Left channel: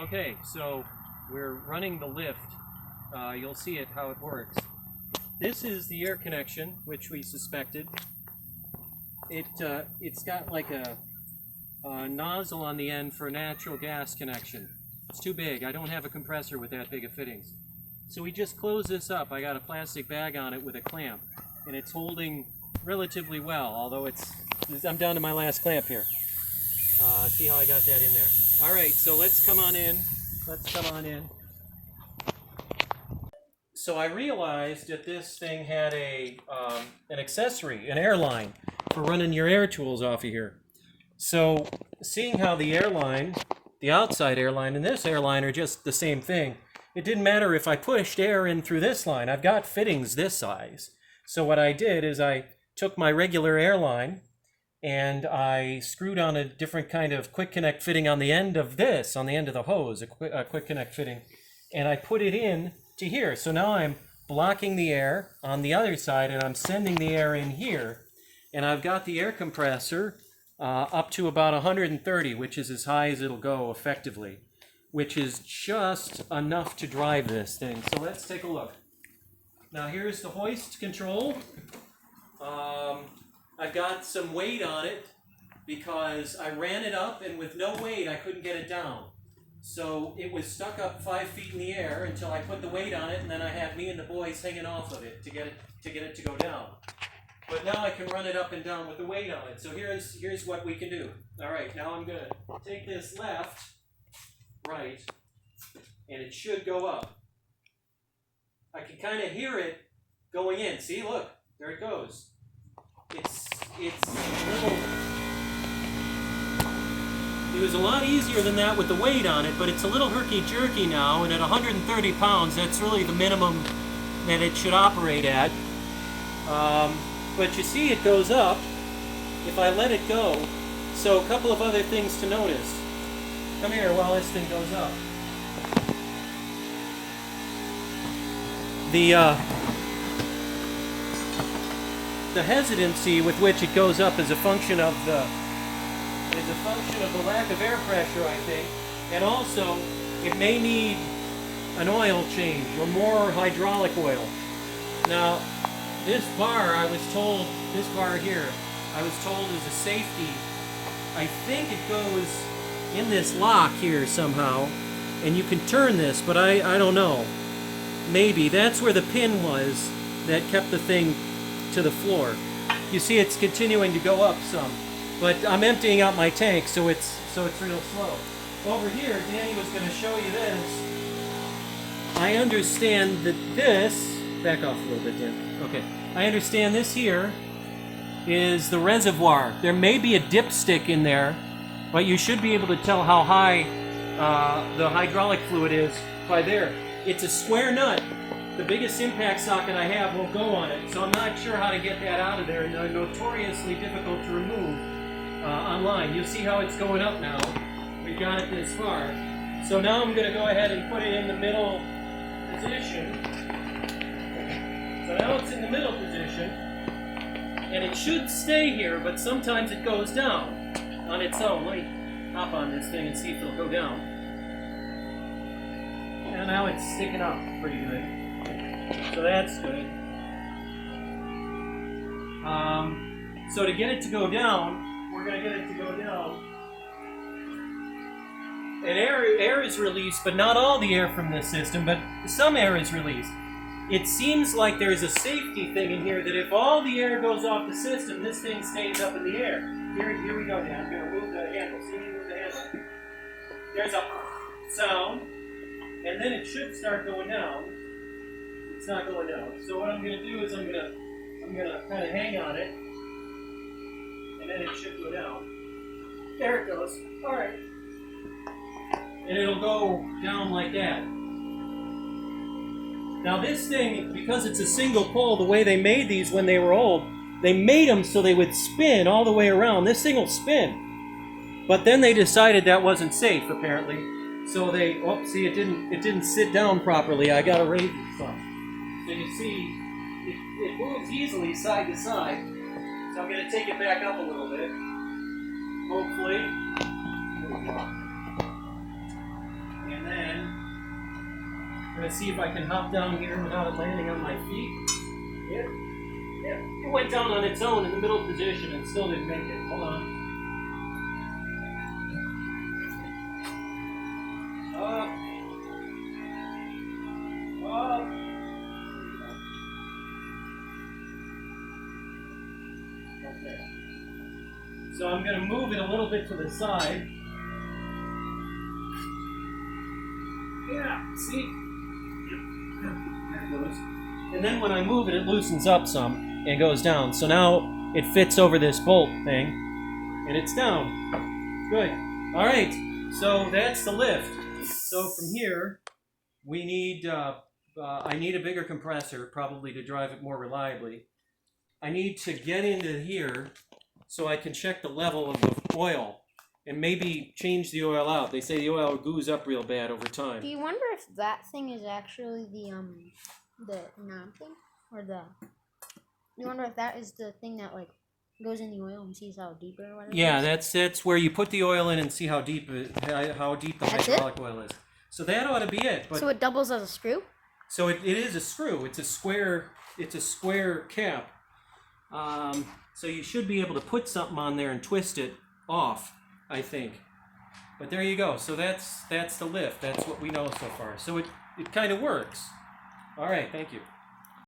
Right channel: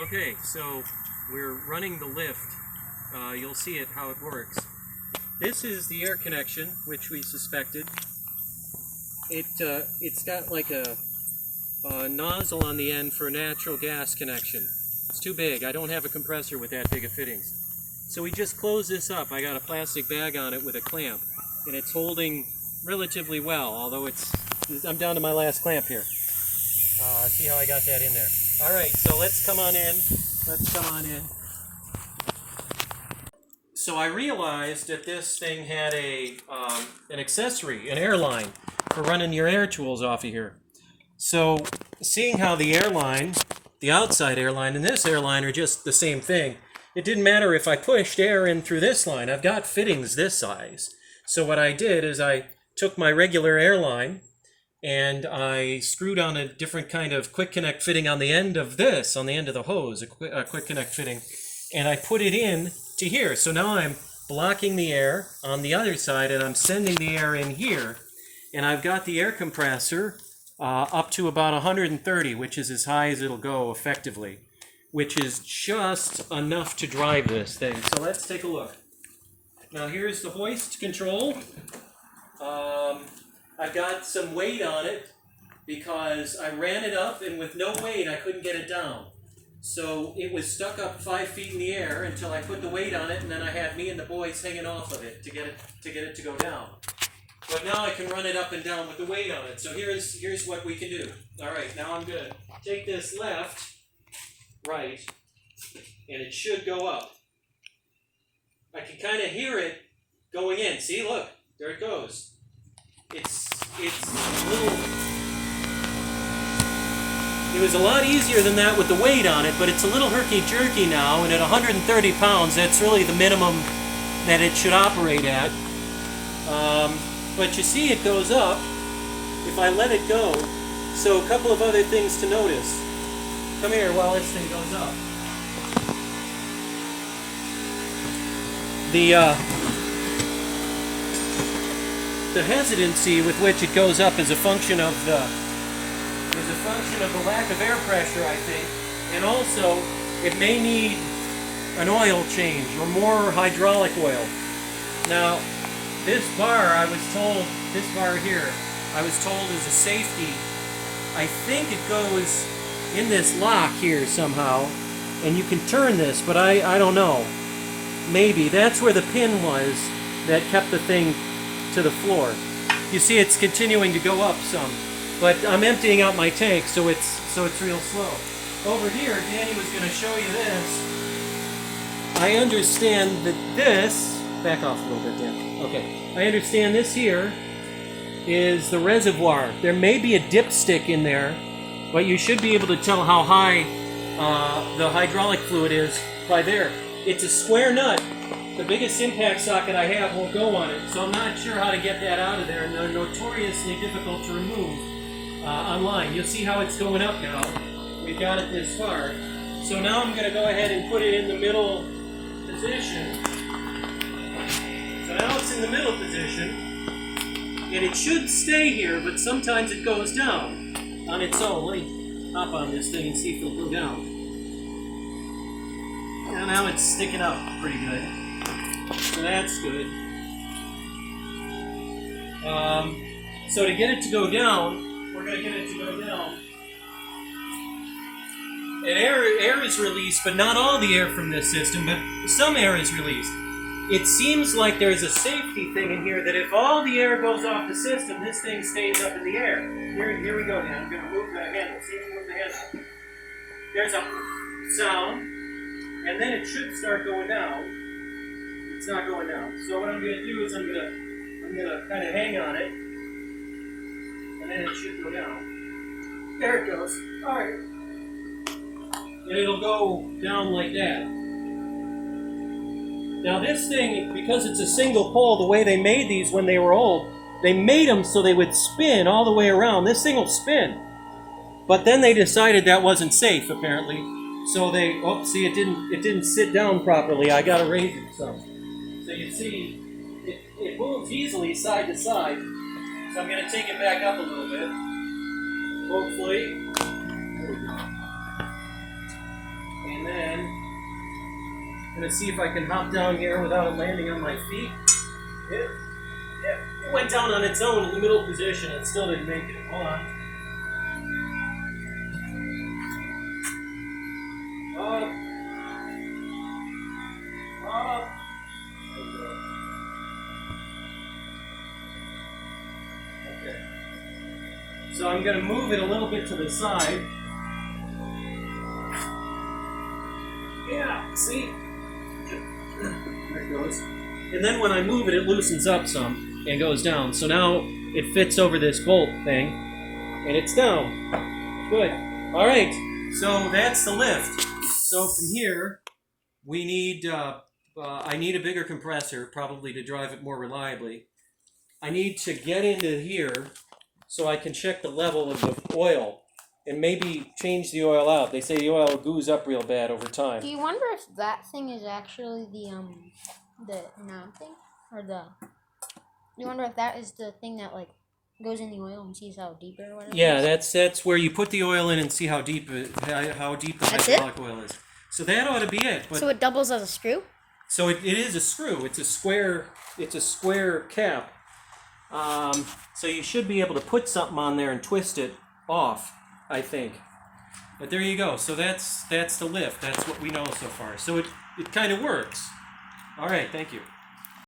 Okay, so we're running the lift. You'll see it how it works. This is the air connection, which we suspected. It's got like a nozzle on the end for natural gas connection. It's too big. I don't have a compressor with that big of fittings. So we just close this up. I got a plastic bag on it with a clamp, and it's holding relatively well, although I'm down to my last clamp here. See how I got that in there. All right, so let's come on in. So I realized that this thing had an accessory, an airline, for running your air tools off of here. So seeing how the airline, the outside airline and this airline are just the same thing, it didn't matter if I pushed air in through this line. I've got fittings this size. So what I did is I took my regular airline and I screwed on a different kind of quick connect fitting on the end of this, on the end of the hose, a quick connect fitting, and I put it in to here. So now I'm blocking the air on the other side and I'm sending the air in here, and I've got the air compressor up to about 130, which is as high as it'll go effectively, which is just enough to drive this thing. So let's take a look. Now here's the hoist control. I've got some weight on it because I ran it up, and with no weight I couldn't get it down. So it was stuck up 5 feet in the air until I put the weight on it, and then I had me and the boys hanging off of it to get it to go down. But now I can run it up and down with the weight on it. So here's what we can do. All right, now I'm gonna take this left, right, and it should go up. I can kind of hear it going in. See, look, there it goes. It's a little. It was a lot easier than that with the weight on it, but it's a little herky-jerky now, and at 130 pounds, that's really the minimum that it should operate at. But you see it goes up if I let it go. So a couple of other things to notice. Come here while this thing goes up. The hesitancy with which it goes up is a function of the lack of air pressure, I think, and also it may need an oil change or more hydraulic oil. Now, this bar here, I was told is a safety. I think it goes in this lock here somehow, and you can turn this, but I don't know. Maybe that's where the pin was that kept the thing to the floor. You see it's continuing to go up some, but I'm emptying out my tank, so it's real slow. Over here, Danny was going to show you this. I understand that this, back off a little bit, Dan. Okay. I understand this here is the reservoir. There may be a dipstick in there, but you should be able to tell how high the hydraulic fluid is by there. It's a square nut. The biggest impact socket I have won't go on it, so I'm not sure how to get that out of there, and they're notoriously difficult to remove online. You'll see how it's going up now. We've got it this far. So now I'm going to go ahead and put it in the middle position. So now it's in the middle position, and it should stay here, but sometimes it goes down on its own. Let me hop on this thing and see if it'll go down. And now it's sticking up pretty good. So that's good. So to get it to go down, we're going to get it to go down. And air is released, but not all the air from this system, but some air is released. It seems like there's a safety thing in here that if all the air goes off the system, this thing stays up in the air. Here we go, Dan. I'm going to move the handle. See if you move the handle. There's a sound, and then it should start going down. It's not going down. So what I'm going to do is I'm going to kind of hang on it, and then it should go down. There it goes. All right. And it'll go down like that. Now this thing, because it's a single pole, the way they made these when they were old, they made them so they would spin all the way around. This thing will spin. But then they decided that wasn't safe, apparently. So they, see, it didn't sit down properly. I got to raise it some. So you see, it moves easily side to side. So I'm going to take it back up a little bit. Hopefully. There we go. gonna see if I can hop down here without it landing on my feet. Yep. Yep. It went down on its own in the middle position and still didn't make it. Hold on. Up. Up. There we go. Okay. So I'm gonna move it a little bit to the side. Yeah, see? There it goes. And then when I move it, it loosens up some and goes down. So now it fits over this bolt thing, and it's down. Good. All right, so that's the lift. So from here, we need, I need a bigger compressor, probably to drive it more reliably. I need to get into here so I can check the level of the oil and maybe change the oil out. They say the oil goos up real bad over time. Do you wonder if that thing is actually the knob thing? Or the... You wonder if that is the thing that, like, goes in the oil and sees how deep or whatever? Yeah, that's where you put the oil in and see how deep the hydraulic oil is. So that ought to be it. But so it doubles as a screw? So it is a screw. It's a square cap. So you should be able to put something on there and twist it off, I think. But there you go. So that's the lift. That's what we know so far. So it kind of works. All right, thank you.